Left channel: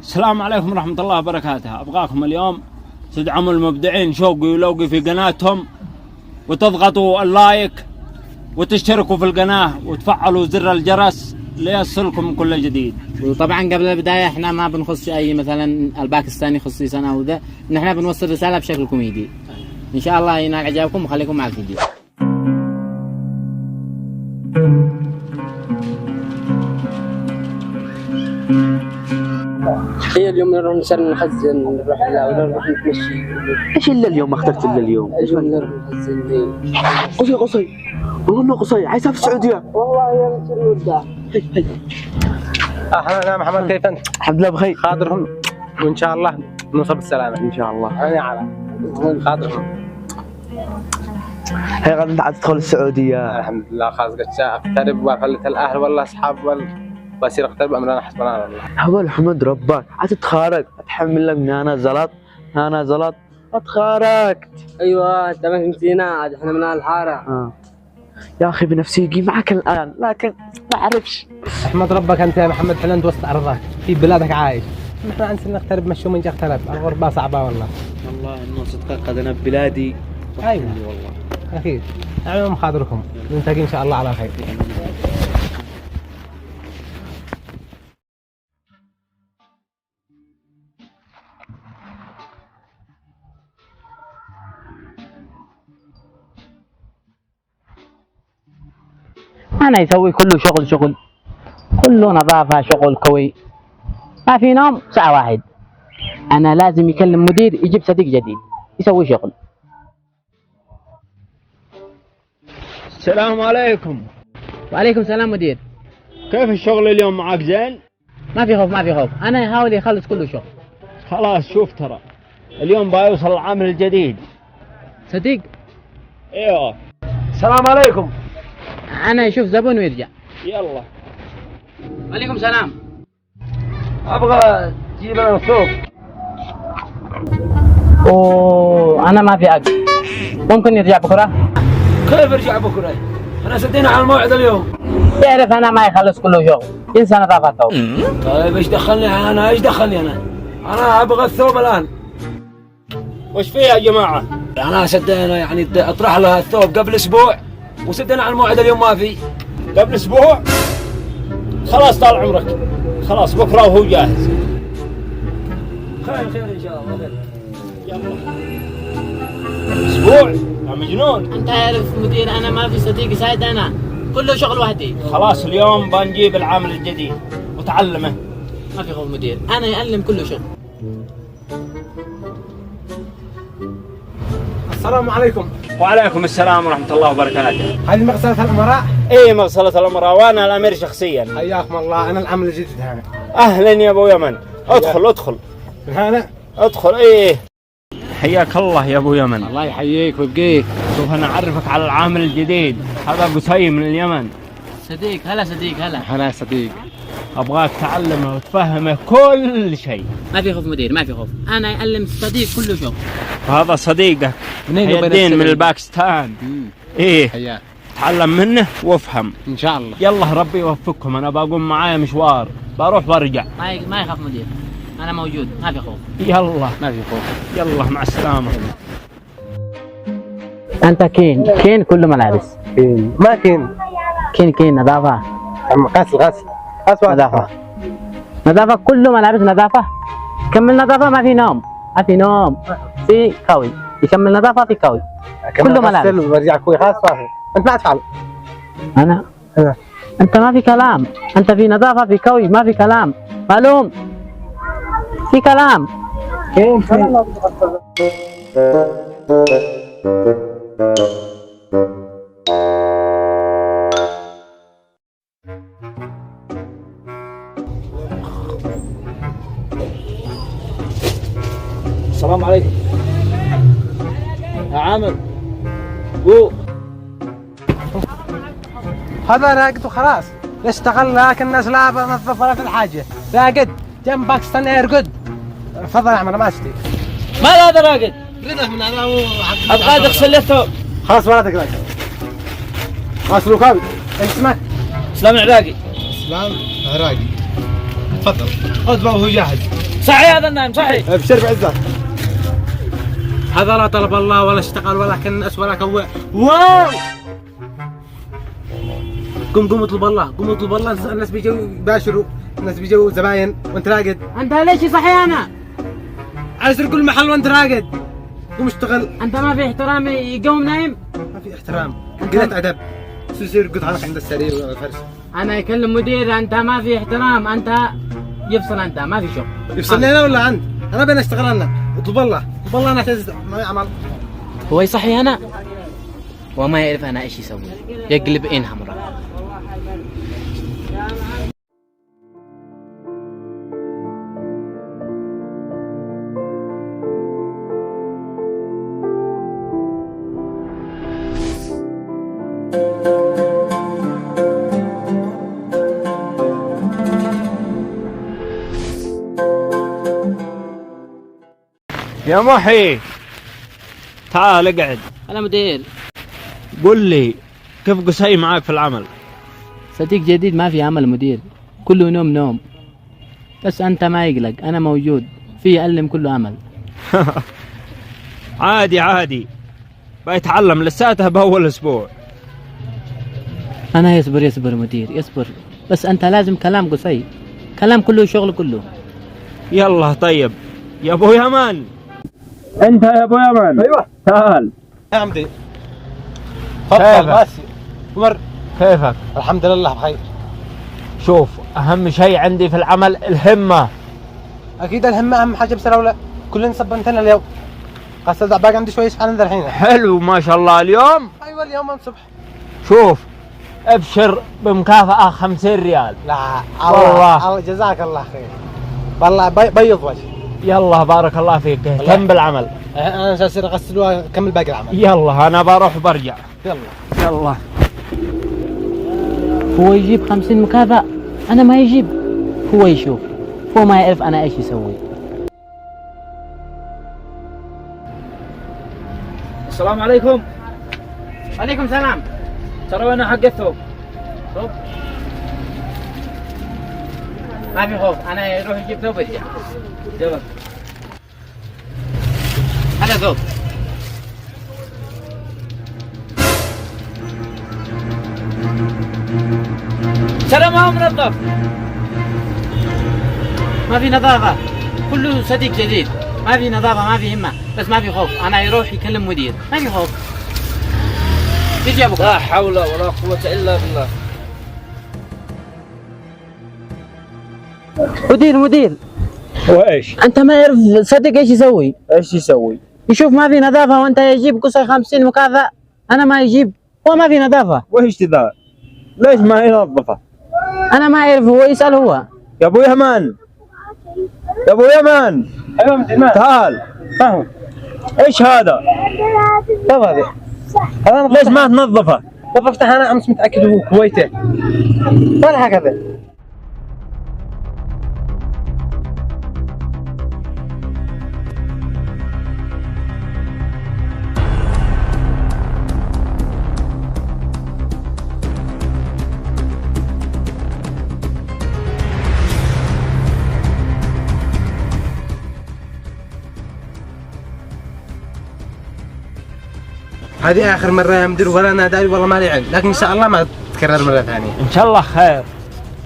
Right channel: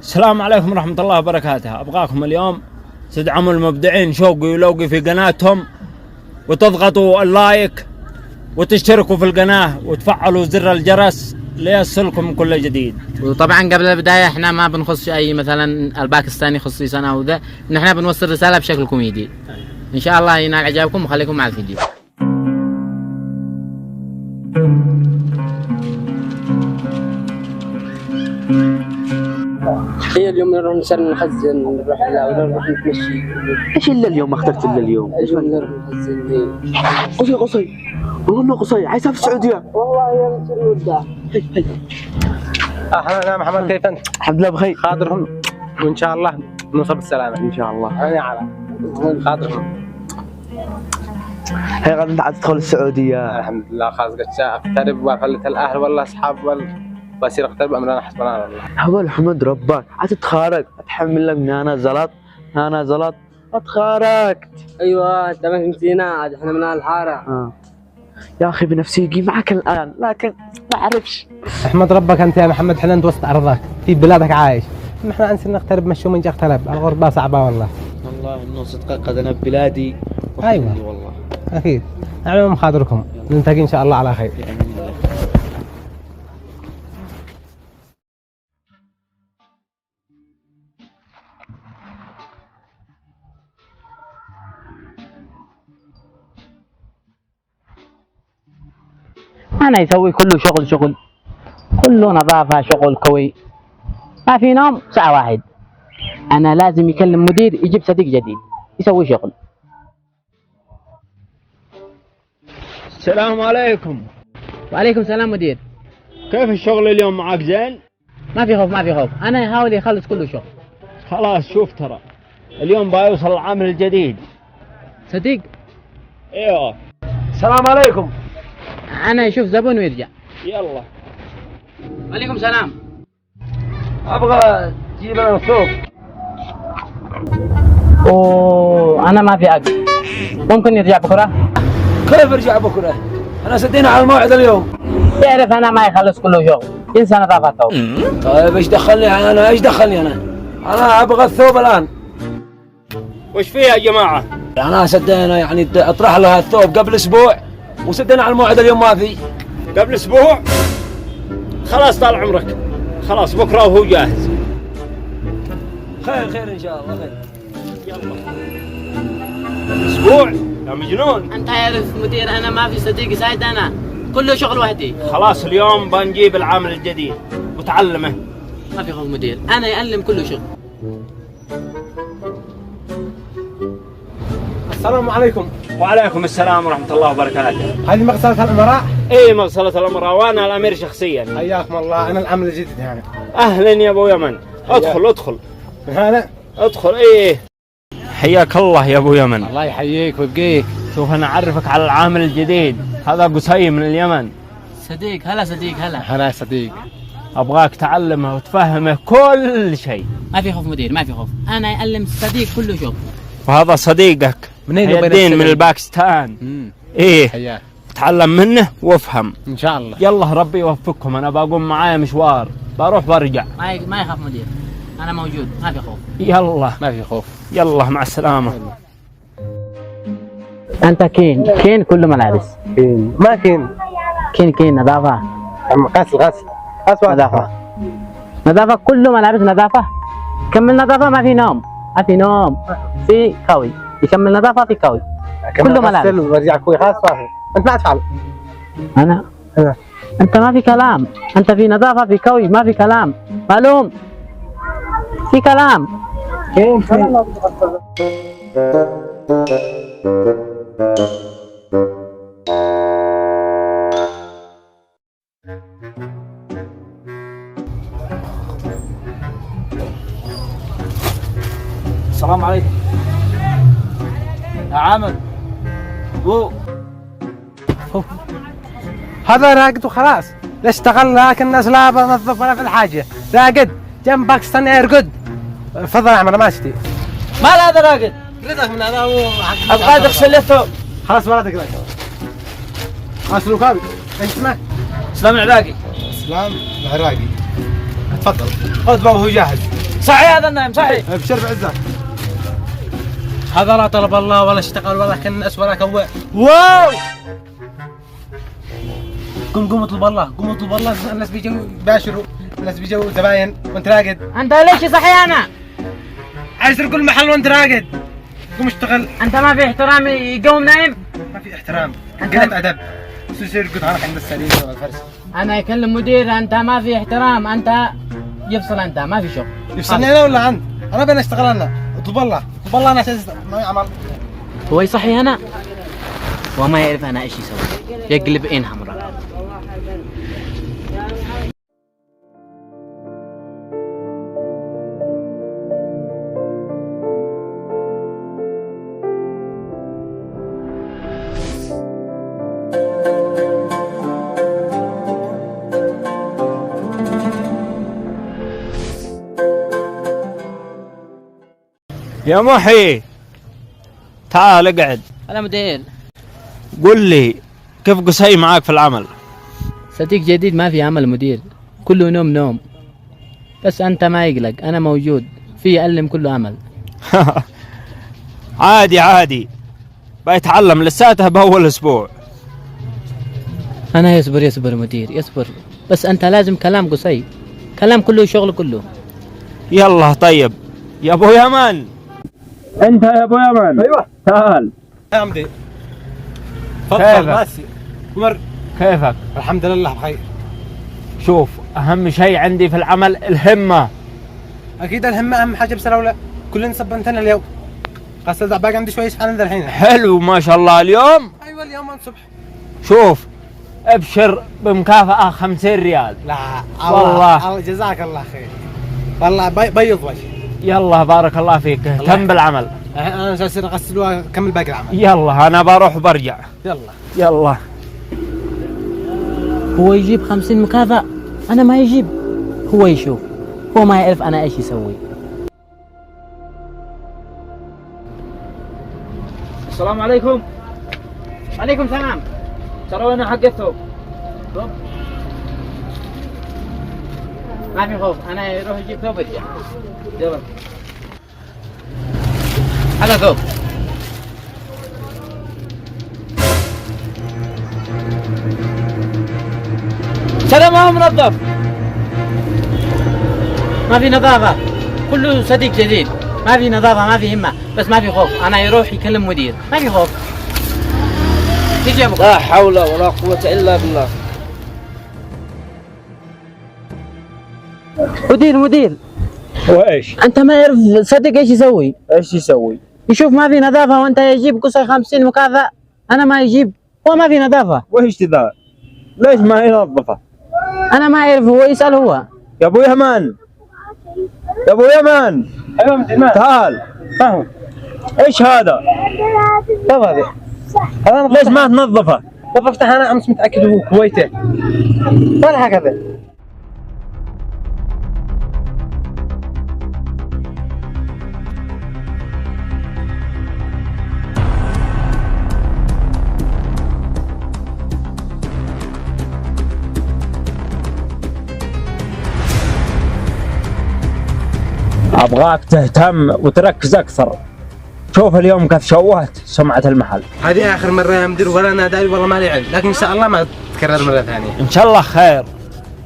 السلام عليكم ورحمة الله وبركاته. أبغاكم اليوم تدعموا المبدعين شوقي ولوقي في قناتهم، وتضغطوا اللايك وتشتركوا في القناة وتفعلوا زر الجرس ليصلكم كل جديد. وطبعا قبل البداية احنا ما بنخص اي مثلا الباكستاني خصيصا او ذا، نحن بنوصل رسالة بشكل كوميدي. ان شاء الله ينال اعجابكم وخليكم مع الفيديو. هي اليوم نروح نخزن، نروح نروح نتمشي. ايش الا اليوم؟ ما اخترت الا اليوم. اليوم نروح نخزن. قصي والله انه قصي عايز اسافر السعوديه. والله يا مصير وداع. اهلا محمد، كيف انت؟ الحمد لله بخير. خاطرهم وان شاء الله نوصل بالسلامه ان شاء الله. انا على خاطرهم. هي غدا انت عايز تدخل السعوديه؟ الحمد لله خلاص قد اقترب وفلت الاهل والله اصحاب بصير اقترب امرنا حسبنا الله. هو الحمد ربك عايز تتخارج، اتحمل لك من انا زلط اتخارجت. ايوه انت ما فهمتينا، عاد احنا من الحاره. يا اخي بنفسيجي معك الان، لكن ما اعرفش. احمد ربك انت يا محمد، حلنت وسط ارضك في بلادك عايش. نحن انسى نقترب مشوا من اقترب، الغربه صعبه والله. والله انه صدقك قد انا ببلادي. ايوه والله اكيد. اعملوا مخاطركم، نلتقي ان شاء الله على خير. انا يسوي كله شغل كله نظافة، شغل كوي، ما في نوم ساعة واحد. انا لازم يكلم مدير يجيب صديق جديد يسوي شغل. السلام عليكم. وعليكم السلام مدير. كيف الشغل اليوم معك؟ زين؟ ما في خوف، انا يحاول يخلص كله شغل. خلاص شوف، ترى اليوم بيوصل العامل الجديد. صديق؟ ايوه. السلام عليكم. انا يشوف زبون ويرجع. يلا. وعليكم السلام. ابغى تجيب لنا ثوب. انا ما في عقل، ممكن يرجع بكره؟ كيف ارجع بكره؟ احنا سدينا على الموعد اليوم. تعرف انا ما يخلص كله شغل، ينسى نظافته. طيب ايش دخلني انا؟ انا ابغى الثوب الان. وش فيه يا جماعة؟ انا سدينا يعني اطرح لها الثوب قبل اسبوع وسدينا على الموعد اليوم ما في. قبل اسبوع؟ خلاص طال عمرك، خلاص بكره وهو جاهز. خير ان شاء الله خير. يلا. اسبوع يا مجنون. انت عارف مدير انا ما في صديق يساعد، انا كله شغل وحدي. خلاص اليوم بنجيب العامل الجديد وتعلمه. ما في خوف مدير، انا يعلم كله شغل. السلام عليكم. وعليكم السلام ورحمة الله وبركاته. هذه مغسلة الامراء؟ ايه مغسلة الامراء، وانا الامير شخصيا. حياكم الله، انا العامل الجديد هنا. اهلا يا ابو يمن، ادخل. هلا. ادخل. ايه حياك الله يا ابو يمن. الله يحييك ويبقيك. شوف انا اعرفك على العامل الجديد، هذا قصي من اليمن. صديق هلا هلا صديق. ابغاك تعلمه وتفهمه كل شيء. ما في خوف مدير، ما في خوف، انا يعلم صديق كله شغل. هذا صديقك منين؟ حي الدين من الباكستان. ايه حياك. تعلم منه وافهم ان شاء الله. يلا ربي يوفقكم، انا بقوم معايا مشوار، بروح وارجع. ما يخاف مدير، انا موجود، ما في خوف. يلا ما في خوف. يلا مع السلامة. انت كين كله ملابس. كين ما كين. نظافة. غسل نظافة كله ملابس نظافة. كمل نظافة، ما في نوم في كوي، يكمل نظافة في كوي. كله ملابس. وارجع كوي خلاص صافي. انت ما تفعل. انا انت ما في كلام، انت في نظافة في كوي، ما في كلام. معلوم في كلام. كين السلام عليكم يا عامل. هذا راقد وخلاص. لا اشتغل لكن الناس لا بنظف ولا في الحاجه. راقد جنب باكستان ايرقد. تفضل يا عم انا ما اشتي. ما هذا راقد؟ رضا من انا ابغى اغسل له ثوب. خلاص ولا تقلق. خلاص ركابي. انت اسمه؟ اسلام العراقي. اسلام العراقي. تفضل. خذ وهو جاهز. صحي هذا النايم صحي. ابشر بعزك. هذا لا طلب الله ولا اشتغل ولا كنس ولا كوى. واو. قوم اطلب الله، قوم اطلب الله. الناس بيجوا يباشروا، الناس بيجوا زباين وانت راقد. انت ليش صحي انا؟ عايز كل محل وانت راقد. قوم اشتغل. انت ما في احترام يقوم نايم؟ ما في احترام، قلة ادب. يصير يرقد هناك عند السرير والفرش. انا يكلم مدير، انت ما في احترام، انت يفصل، انت ما في شغل. يفصلني انا ولا انت؟ انا بدنا نشتغل انا. اطلب الله، اطلب الله انا عشان عمل. هو يصحي انا وما يعرف انا ايش يسوي، يقلب عين حمراء. يا محي تعال اقعد. هلا مدير. قل لي كيف قصي معاك في العمل؟ صديق جديد ما في عمل مدير، كله نوم نوم. بس انت ما يقلق، انا موجود في علم كله عمل. عادي عادي، بيتعلم لساته بأول أسبوع. انا يصبر مدير يصبر، بس انت لازم كلام قصي، كلام كله شغل كله. يلا طيب يا ابو يمن. انت يا ابو يمن. ايوه تعال. يا عمي تفضل. كيفك؟ بس عمر كيفك؟ الحمد لله بخير. شوف أهم شيء عندي في العمل الهمة. اكيد الهمه اهم حاجه، بس لولا كلنا صبنتنا اليوم. خاصة باقي عندي شويه اسفل الحين. حلو ما شاء الله اليوم. ايوه اليوم الصبح. شوف ابشر بمكافأة 50 ريال. لا والله. الله جزاك الله خير. والله بيض وجهي. يلا بارك الله فيك، اهتم بالعمل. انا جالس اغسل واكمل باقي العمل. يلا انا بروح وبرجع. يلا. هو يجيب 50 مكافأة، انا ما يجيب. هو يشوف، هو ما يعرف انا ايش يسوي. السلام عليكم. عليكم السلام. ترى وين حق الثوب؟ ثوب؟ ما في خوف، انا يروح يجيب ثوب ويرجع. يلا. هذا ثوب. ترى ما هو منظف. ما في نظافة، كله صديق جديد، ما في نظافة ما في همة، بس ما في خوف، أنا يروح يكلم مدير، ما في خوف. تيجي يا أبو. لا حول ولا قوة إلا بالله. مدير وايش؟ أنت ما يعرف صديق إيش يسوي؟ ايش يسوي؟ يشوف ما في نظافة وأنت يجيب قصي 50 مكافأة، أنا ما يجيب، هو ما في نظافة. وايش ذا؟ ليش ما ينظفه؟ أنا ما أعرف، هو يسأل هو. يا ابو يمن. يا ابو يمن. ايوه مدير. تعال. فاهم. ايش هذا؟ طب هذا ليش ما تنظفه؟ نظفته انا امس متاكد هو كويته. ولا هكذا. ابغاك تهتم وتركز اكثر. شوف اليوم كيف شوهت سمعة المحل. هذه اخر مره يا مدير، ولا انا داري والله ما لي علم، لكن ان شاء الله ما تتكرر مره ثانيه. ان شاء الله خير.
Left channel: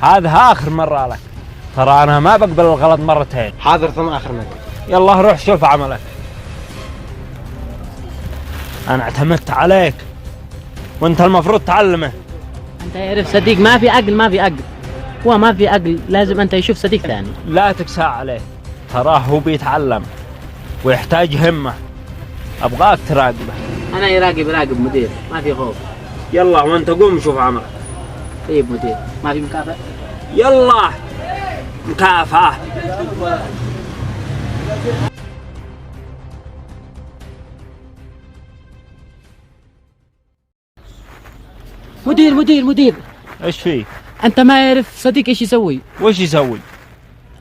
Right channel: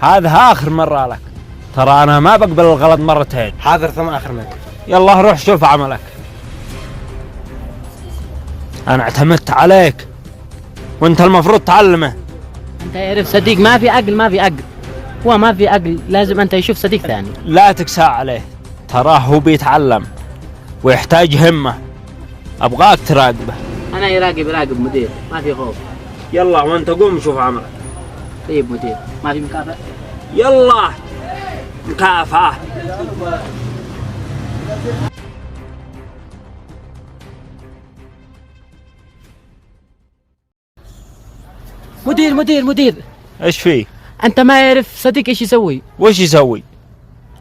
هذا اخر مرة لك. ترى انا ما بقبل الغلط مرتين. حاضر ثم اخر مره. يلا روح شوف عملك. انا اعتمدت عليك وانت المفروض تعلمه. أنت يعرف صديق ما في عقل، ما في عقل، هو ما في عقل، لازم أنت يشوف صديق ثاني. لا تكسى عليه، تراه هو بيتعلم ويحتاج همة. ابغاك تراقبه. أنا يراقب مدير، ما في خوف. يلا وانت قوم شوف عملك. طيب مدير، ما في مكافأة؟ يلا مكافأة. مدير، ايش فيه؟ أنت ما يعرف صديق إيش يسوي؟ وش يسوي؟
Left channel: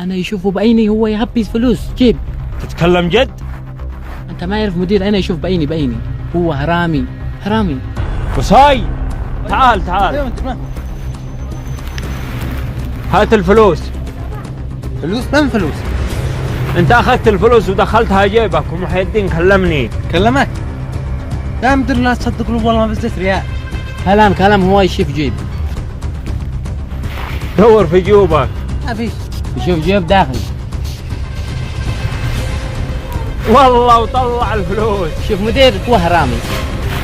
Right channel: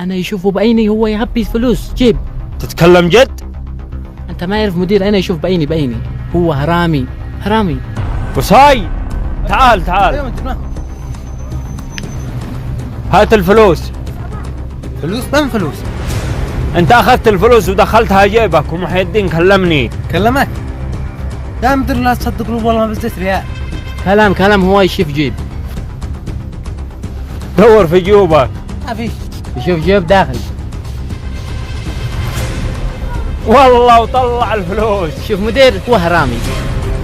أنا يشوفه بعيني، هو يهبي فلوس جيب. تتكلم جد؟ أنت ما يعرف مدير، أنا يشوف بعيني، هو حرامي. قصاي تعال. هات الفلوس. فلوس؟ من فلوس؟ انت اخذت الفلوس ودخلتها جيبك ومحي الدين كلمني. كلمك؟ يا مدير لا تصدق والله ما بزيت ريال. كلام هو يشوف جيب. دور في جيوبك. ما فيش. يشوف جيب داخل. والله وطلع الفلوس. شوف مدير هو حرامي.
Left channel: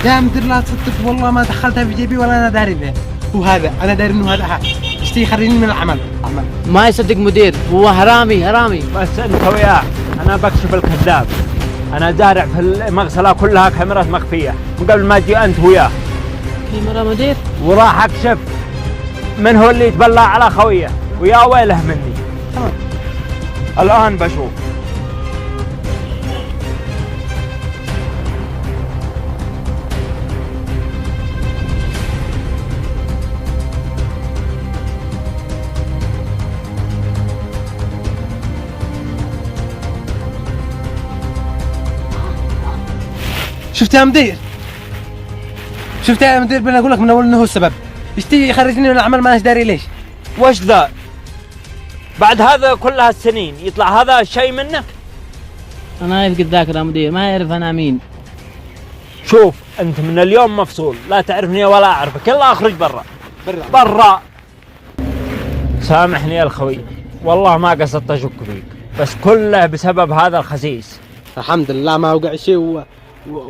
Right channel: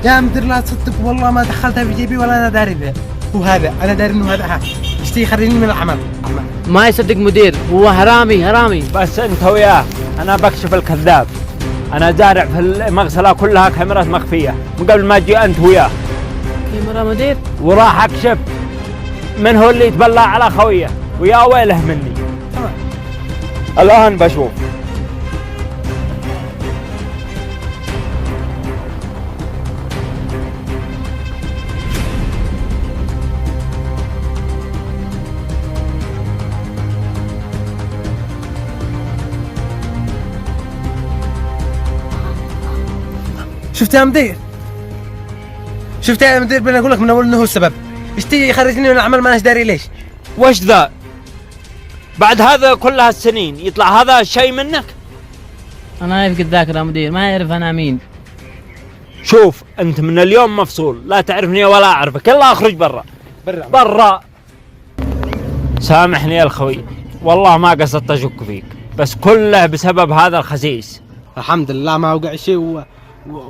يا مدير لا تصدق والله ما دخلتها في جيبي ولا انا داري بها. هو هذا انا داري انه هذا حق. اشتي يخرجني من العمل. ما يصدق مدير، هو حرامي. بس انت وياه انا بكشف الكذاب. انا زارع في المغسله كلها كاميرات مخفيه من قبل ما تجي انت وياه. كاميرا مدير؟ وراح اكشف من هو اللي يتبلى على خويه ويا ويله مني. الان بشوف. شفت يا مدير؟ شفت يا مدير بنا اقول لك من اول انه هو السبب. اشتي يخرجني من العمل ما داري ليش. وش ذا؟ بعد هذا كل هالسنين يطلع هذا الشيء منك؟ انا يفقد ذاكرة مدير، ما يعرف انا مين. شوف انت من اليوم مفصول، لا تعرفني ولا اعرفك، يلا اخرج برا. سامحني يا الخوي، والله ما قصدت اشك فيك، بس كله بسبب هذا الخسيس. الحمد لله ما وقع شيء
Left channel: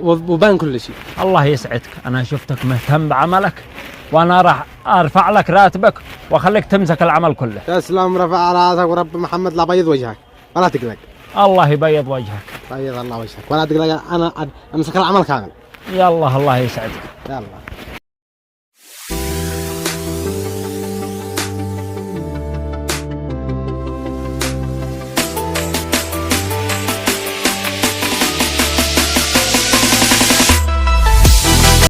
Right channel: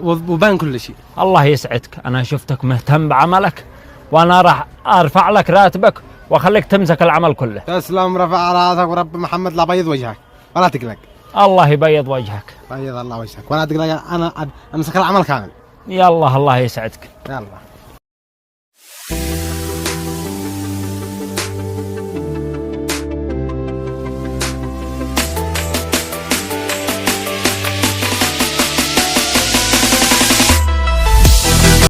وبان كل شيء. الله يسعدك، انا شفتك مهتم بعملك وانا راح ارفع لك راتبك واخليك تمسك العمل كله. تسلم، رفع راسك ورب محمد لا بيض وجهك ولا تقلق. الله يبيض وجهك. بيض الله وجهك ولا تقلق، انا امسك العمل كامل. يلا الله يسعدك. يلا.